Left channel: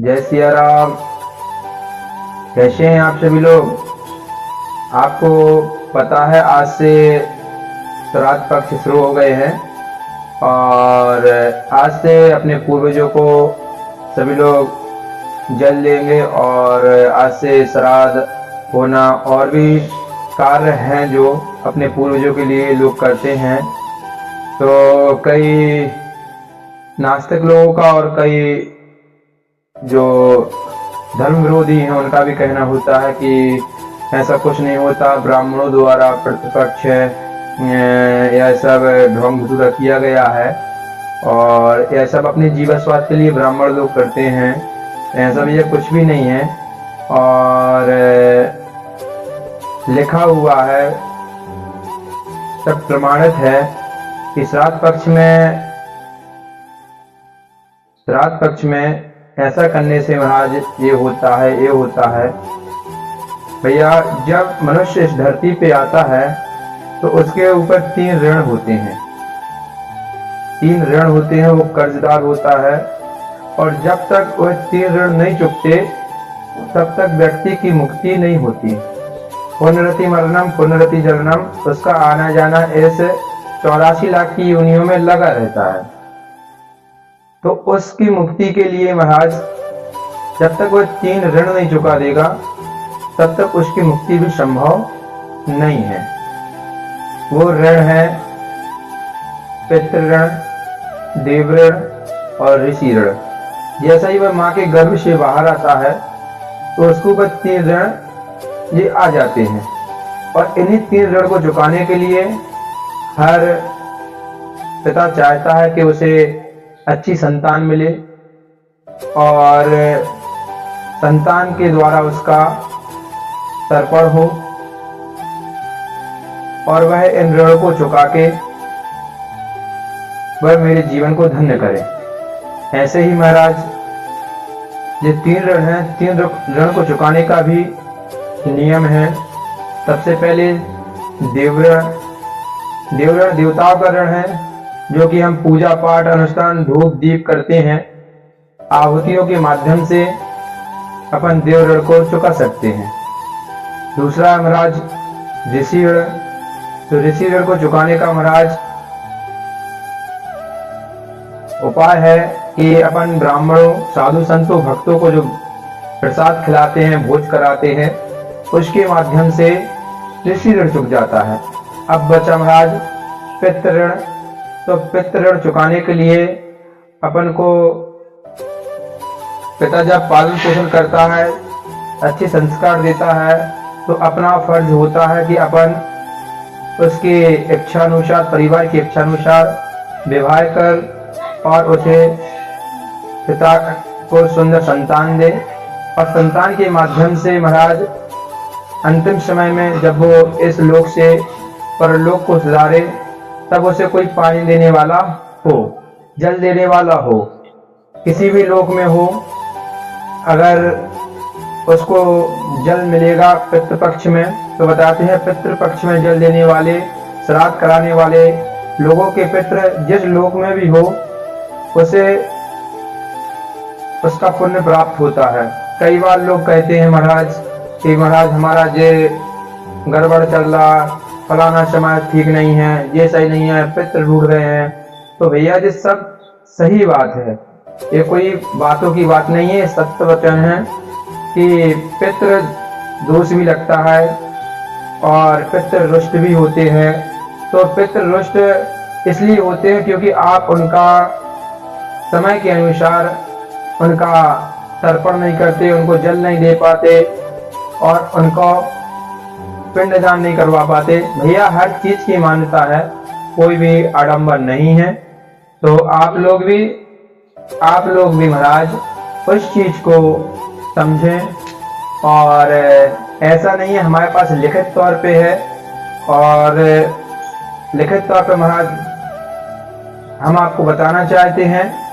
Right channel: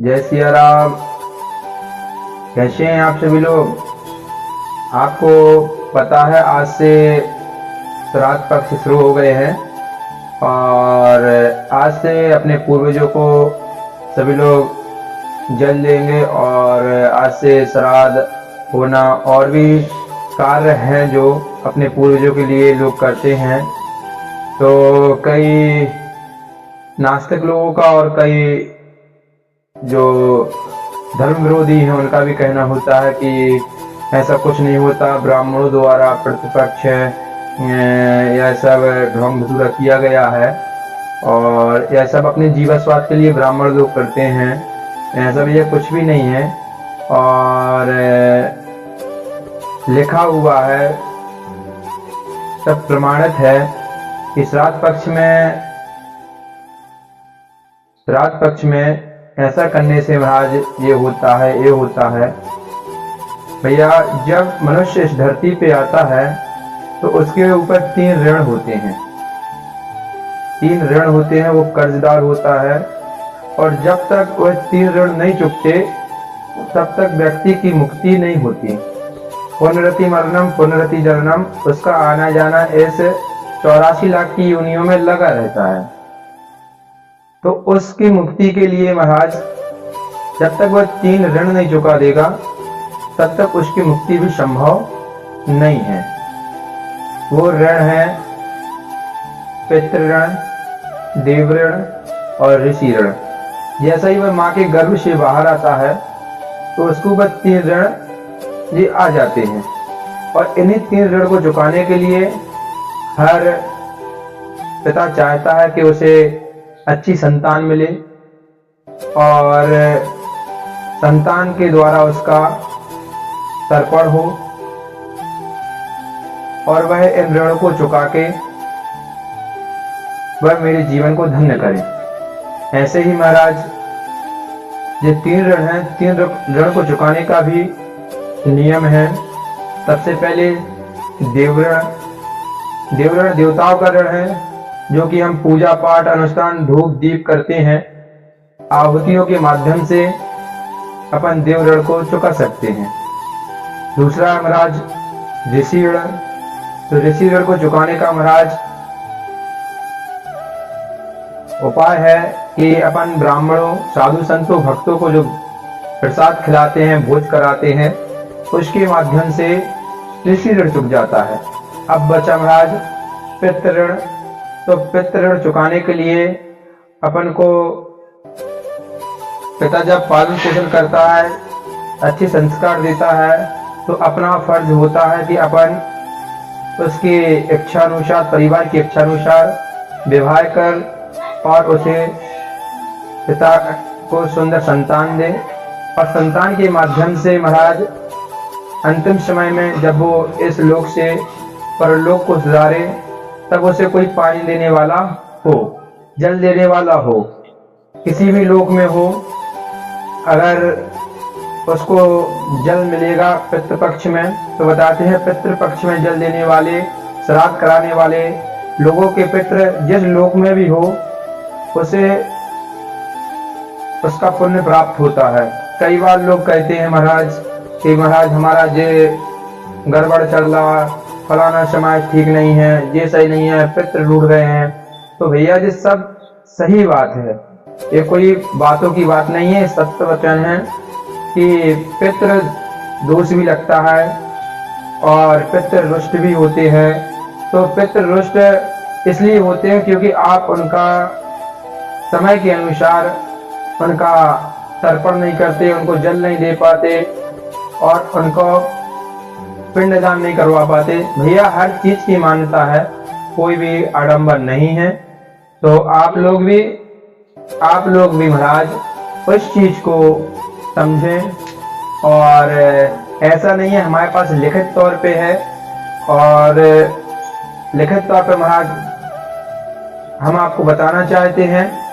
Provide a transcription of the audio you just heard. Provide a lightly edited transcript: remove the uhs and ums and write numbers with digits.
जय सिया राम। कैसे हैं आप सभी लोग? आपको पता है आज से श्राद्ध पक्ष शुरू हो गए हैं और आज से अपने पूर्वजों को सभी लोग जल देंगे और आज से श्राद्ध होना और भी कार्य हैं जो अपने पूर्वजों के लिए लोग करते हैं। तो कई नास्तिक लोगों का और कई जो धर्म विरोधी हैं उनका भी कहना होता है कि ऐसा कुछ नहीं होता, ब्राह्मणों द्वारा प्रतिपक्ष यह सब ढोंग धतूरा किया गया है और यह सब अपने जीवन स्वास्थ्य के लिए ब्राह्मण लोग करते हैं। ऐसा भी यह कुछ भी नहीं है और लिखा हुआ है, सब प्रमाणित है कि श्राद्ध पक्ष में ऐसा करने से महाराज ये होता है। भैया, जब मनुष्य इस धरती पे आता है तो उसके ऊपर तीन ऋण होते हैं। वो कर्जदार होता है और जब तक वह तीन ऋण नहीं चुकते तब तक व्यक्ति की मुक्ति नहीं होती। पुनरति मरणम पुनरति जननम, उसका आना जाना इस 84 लाख की योनियों में लगा रहता है। तो उसकी मुक्ति के लिए महाराज जब तक वह तीन ऋण नहीं चुका देगा तब तक उसकी मुक्ति भी संभव नहीं है। वो ऋण है पितृ ऋण, देव ऋण और ऋषि ऋण। जैसा ही वह माँ के गर्भ से बाहर आता है तो उसको वह तीन ऋण ये आ जाते हैं और इन्हीं तीन ऋण को चुकाने के लिए हर पिता चाहता है कि उसे अच्छी संतान मिले और संतान के द्वारा उसका तर्पण हो और वह इन ऋणों को चुका के वह मेरे जीवन को धन्य करे। ऐसे ही महाराज ये तीन ऋण हैं, तीन ऋण को चुकाने का भी नियम है। सबसे पहले देव ऋण देवताओं का ऋण है जो कि हम पूजा पाठ अनुष्ठान धूप दीप करते हैं, आहुतियों के माध्यम से अपन देव ऋण को चुका सकते हैं। दूसरा महाराज ऋषि ऋण। तो ऋषि ऋण को चुकाने का महाराज उपाय है कि अपन ब्राह्मणों, साधु संतों, भक्तों को जो प्रसाद खिलाते हैं, भोज कराते हैं, उसके माध्यम से ऋषि ऋण चुक जाता है। अब बचा महाराज पितृ ऋण। तो पितृ ऋण चुकाने के लिए अपन को पिता जब पालन पोषण करता है, अच्छे संस्कार देता है, तो अपना फर्ज होता है कि अपन उसके इच्छानुसार, परिवार की इच्छानुसार विवाह कर और उसे पिता को सुंदर संतान दे और संतान के माध्यम से महाराज अंतिम समय में जब वो इस लोक से परलोक को सुधारे तब उसे कोई पानी देने वाला हो, जल देने वाला हो, किसी भी लोक में हो, अगर उसको जल मिलेगा पितृपक्ष में, तो बताते हैं पितृपक्ष में जल देने वाले, श्राद्ध कराने वाले लोगों के पितृ जिस लोक में भी हो उसे उसका पुण्य प्राप्त होता है। कई बार लोग कहते हैं महाराज कि महाराज हमारा ये गड़बड़ चल रहा, फलाना समाज ठीक नहीं है, ये सही नहीं है, पितृ रूठ गए हैं। तो भैया ये सब सही बात है, ये कोई बातों की बात नहीं है, सत्य वचन है कि पितृ दोष भी लगता है और पितृ रुष्ट भी होते हैं। तो पितृ रुष्ट इसलिए होते हैं क्योंकि आप उनका समय के अनुसार उनका तर्पण नहीं करते, उनको जल नहीं दे पाते और उनको पिंडदान नहीं करवा पाते। भैया हर चीज की मान्यता है, कोई भी आडंबर नहीं है। तो आप लोग भी महाराज उस चीज को समझें और ऐसा नहीं है, हमारे पास लिखित तौर पे है और लिखित तौर पे महाराज हम आपको बताना चाहते हैं